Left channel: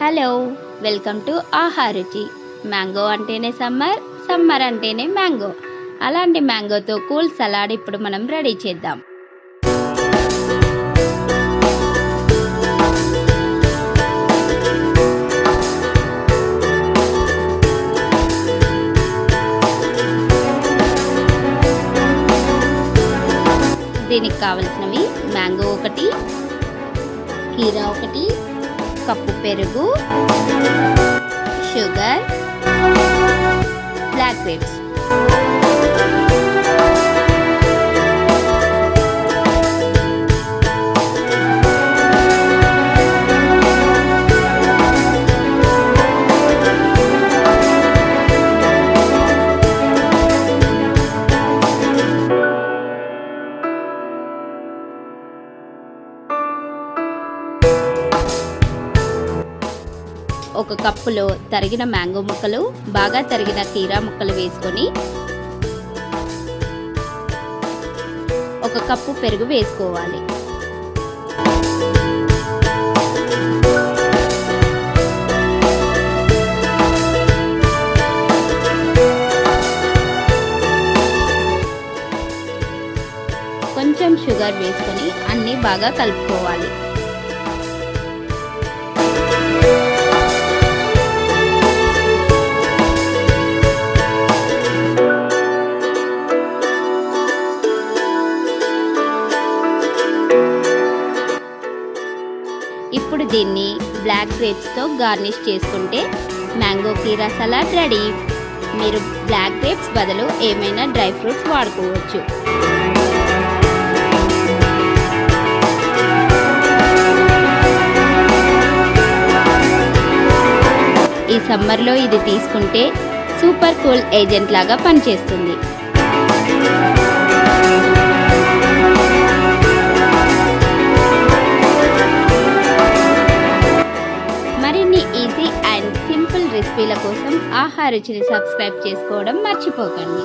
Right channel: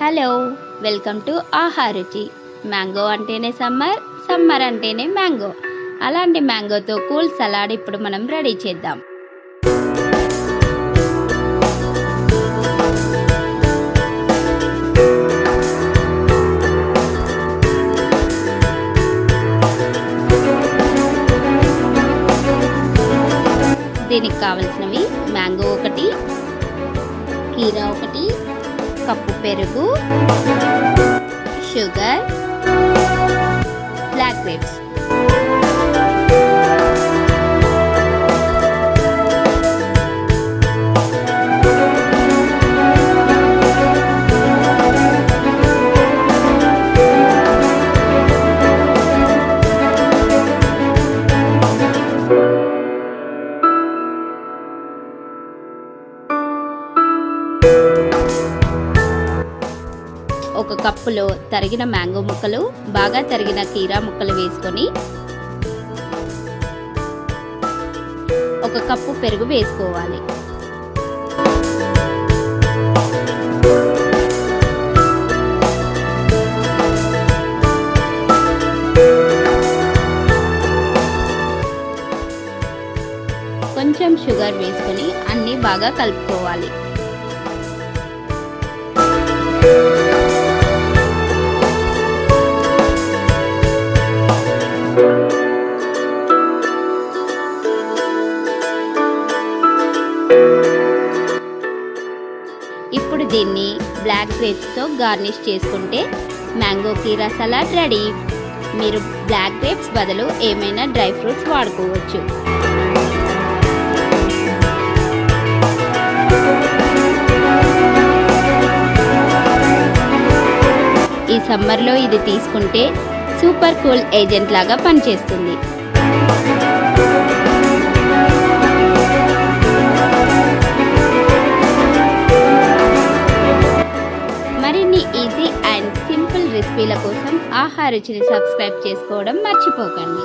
Hello, welcome to Aaharuchi. Mango అంటేనే summer, summer అంటేనే mango. అలాంటి మ్యాంగోతో కూల్ సలాడ్ ఇప్పుడు మనం రెడీ చేద్దాం. దీనికి కావలసినవి మ్యాంగో ఒకటి, కీరా ఒకటి, కప్పు పెరుగు, షుగర్, బ్లాక్ గ్రేప్స్. ఒక కప్పులో తరిగిన మ్యాంగో ముక్కలు, బాగా తరిగిన కీరా ముక్కలు వేసుకొని ఒక కప్పు పెరుగు వేసుకోవాలి. కొంచెం షుగర్ వేసుకొని అన్నీ బాగా కలుపుకోవాలి. ఇప్పుడు దీన్ని బ్లాక్ గ్రేప్స్తో గార్నిష్ చేసుకుంటే మ్యాంగో కీరా సలాడ్ రెడీ. మీరు బ్లాక్ గ్రేప్స్ బదులు ఏమైనా డ్రై ఫ్రూట్స్ వాడుకోవచ్చు. ఈ సమ్మర్లో ఇది తీసుకుంటే సూపర్ కూల్ ఏజెంట్ లాగా పనిచేస్తుంది. మరిన్ని ఈజీ అండ్ సింపుల్ రెసిపీల కోసం ఆహారుచిని సబ్స్క్రైబ్ చేసుకోవడం మర్చిపోకండి.